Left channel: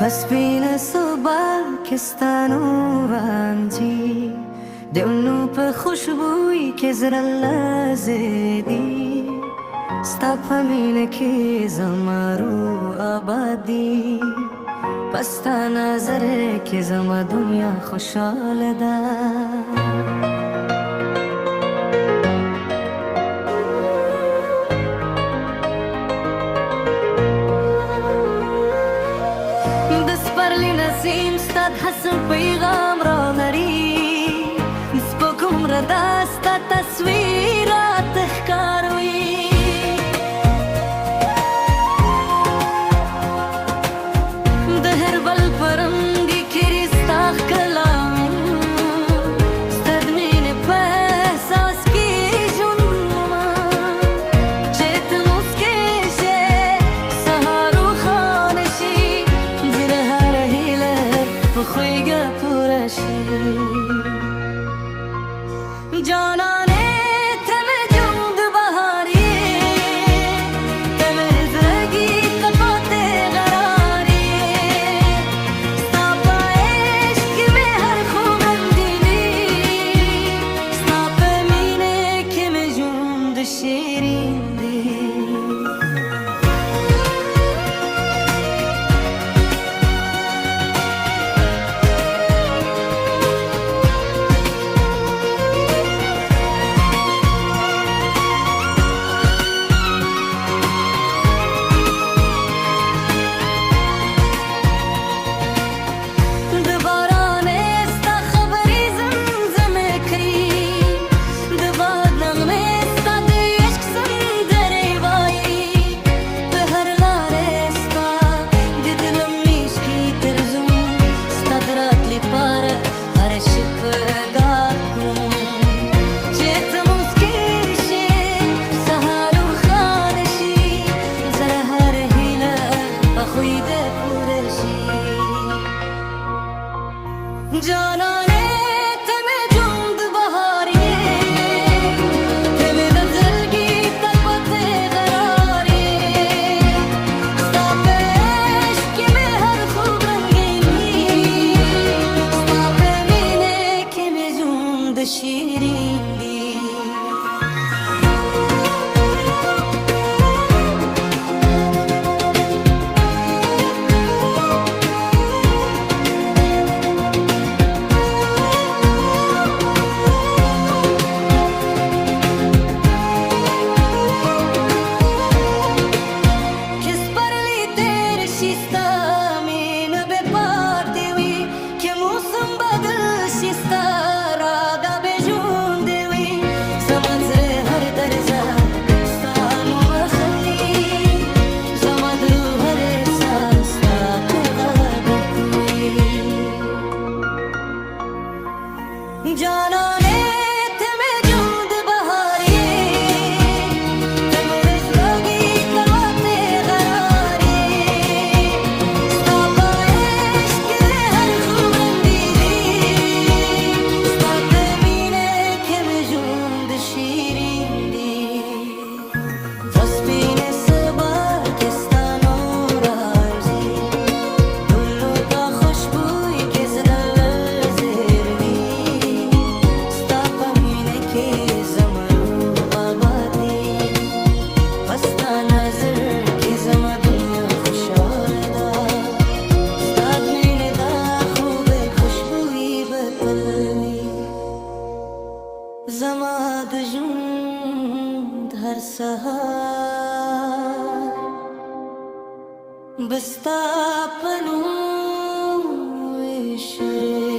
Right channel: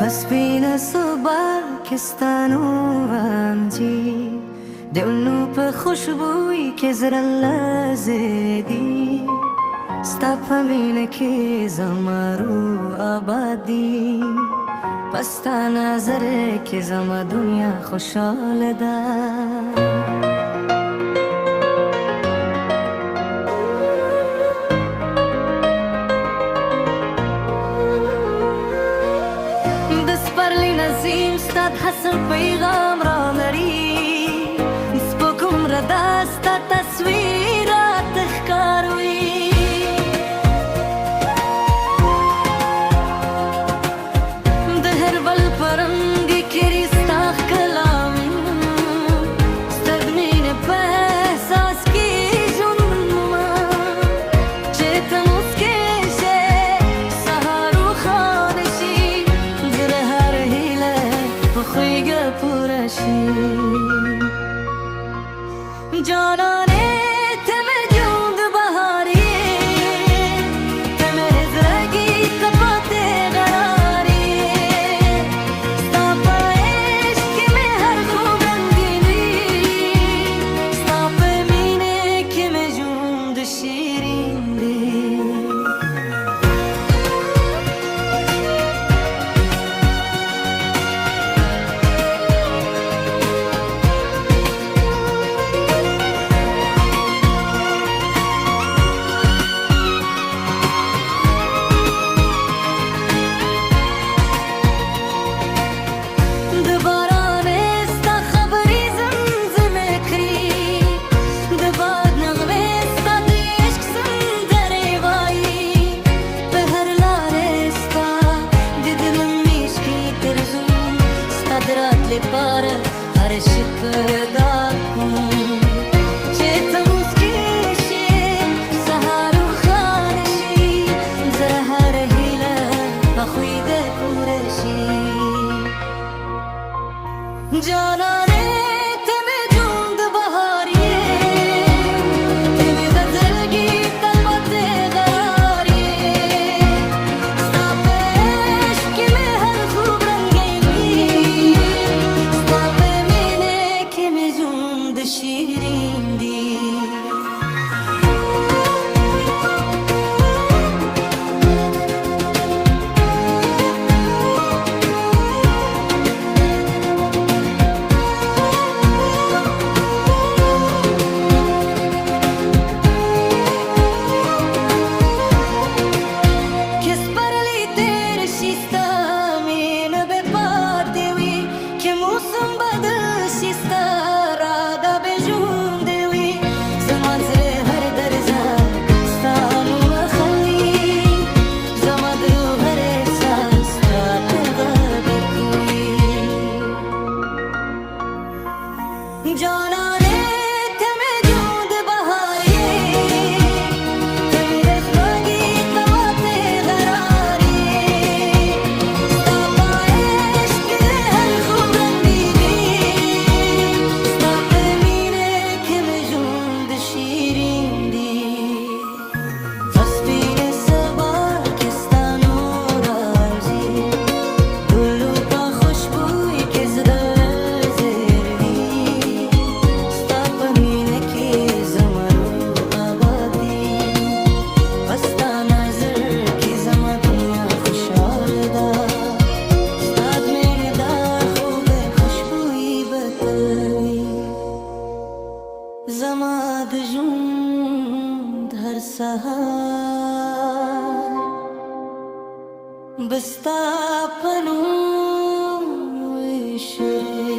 پس بین صبح کستانو رانجی دلنو په خوشبوئی کې زړه لرزې دي ستا په مینه کې زما روح آبادي په ستا نظر کې زما دنیا خوشحاله ده د سپرلی نسیم ستا د حسن پیغام را لري سپوږم ردا ستا تصویر راته ښکاروي د هر بل په رنګ کې ستا ښکلا مې ستا د مینې په احساس کې ژوند مومه چې ته موسکې شې سهار روښانه شي زړه هر هیله په خویږه پوره شي جانانه ته مې ژوند بهار یې ته مې زړګي ته پاتې قرار یې ستا په عشق کې مې هر خوب رنګیني ستا په مینې کې مې ژوند شیرین دی قدرات لپاره هر شپه کوم چې ته موسکې شې سهار روښانه شي زړه هر هیله په خوی د پوره شي جانانه ته مې ژوند بهار یې ته مې د زړګي تل پاتې قرار یې ستا په عشق کې مې هر خوب ژوند شیرین دی که سپرلی تیر شي ستا مینه به پاتې وي که موسم بدل شي ستا راده به ژوندې وي زما زړه هر درزه ستا نوم اخلي زما د روح هر احساس ستا پیغام کوي جانانه ته مې ژوند بهار یې ته مې د زړګي ته پاتې قرار یې ستا په عشق کې د هر خوب شیرین دی پس بین صبح کستانو رارزی دلو پا خوشبوئی که زدل زرگی ستا پا مینه که زمرو آبادی پستا نظر که زما دنیا خوشحال دا ستاد مینه دا خوب خوشبوئی بتلوی زما د ژوند هر سهار بستا په نوم وشرې